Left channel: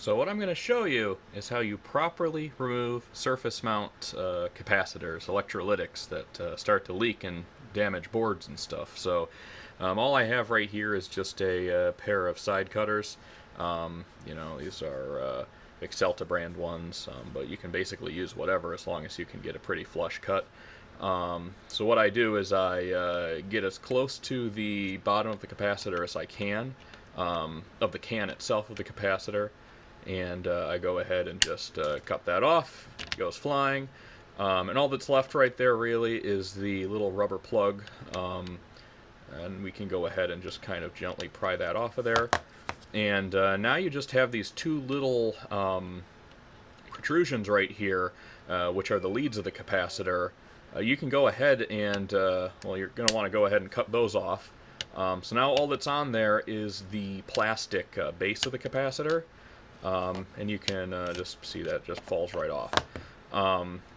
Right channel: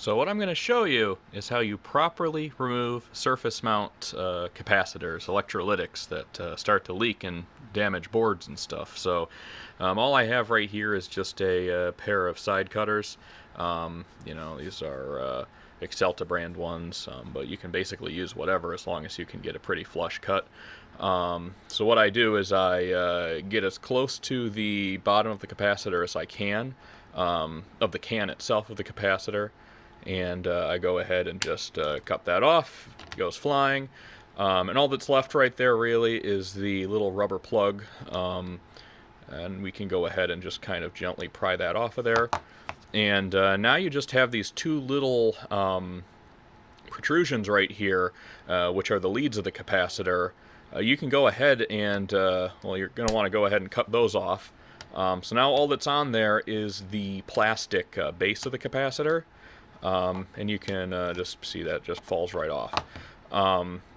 So what I'm going to show you is how you properly remove surface mount capacitors, electrolytics that start to leak and damage boards and stuff. So all I have right here is just a pair of side cutters. These are Excelta brand ones, but you can basically use whatever as long as you can get a pretty flush cut. So what I do is I get as close to the bottom of the capacitor as I can, of the can itself of the capacitor, and I go ahead and just cut that off. It goes flying, and all that's left right there really is the little rubber plug, and we can go ahead and just kind of gently pry that off of there. And now you just have these two little protrusions right here, which are the leads of the capacitor. You can go ahead and, you're going to want to go ahead and cut those off. So now all that's on there is the plastic base of the capacitor, and you can just see that just falls right off.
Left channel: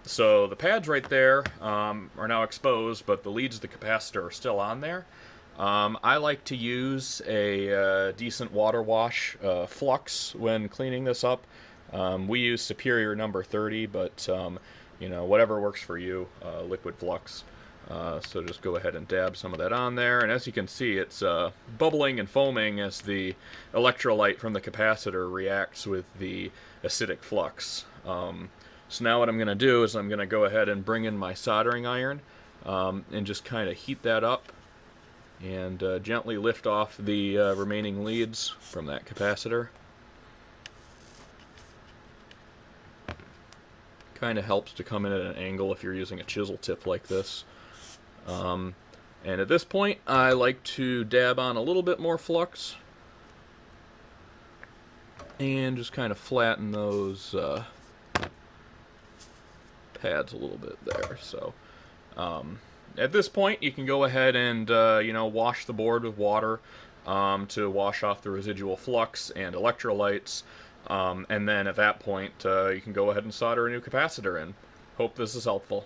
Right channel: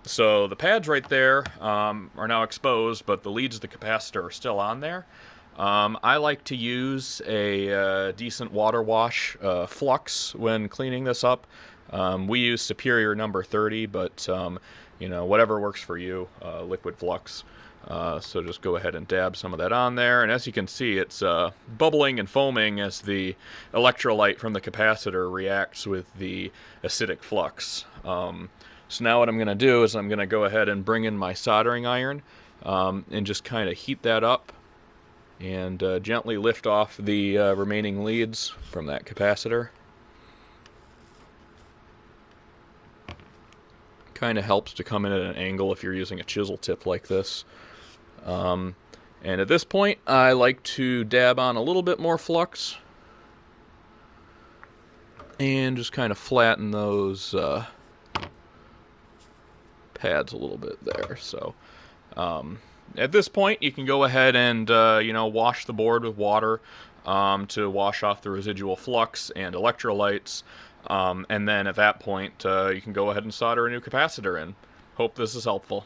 So the pads right there are now exposed, but the leads of the capacitor are still on there. I like to use a decent water wash flux when cleaning this up. We use Superior number 30, but whatever works for you, liquid flux. So just go ahead and dab some of that on there, and as you can see, it's bubbling and foaming as the electrolyte from the capacitor reacts with the acidic flux. So now what I'm going to do is I'm going to go ahead and bring in my soldering iron and just kind of heat that up and gently lift off the remaining leads from that capacitor. Kind of helps to come in at an angle if you're using a chisel tip like this. And at this point, I like to dab on a little bit more flux and just kind of flatten those pads a little bit there. So at this point, you can go ahead and wash the board with water to wash off the residual flux and electrolytes. And then at that point, you can go ahead and solder a new capacitor in. Hope this is helpful.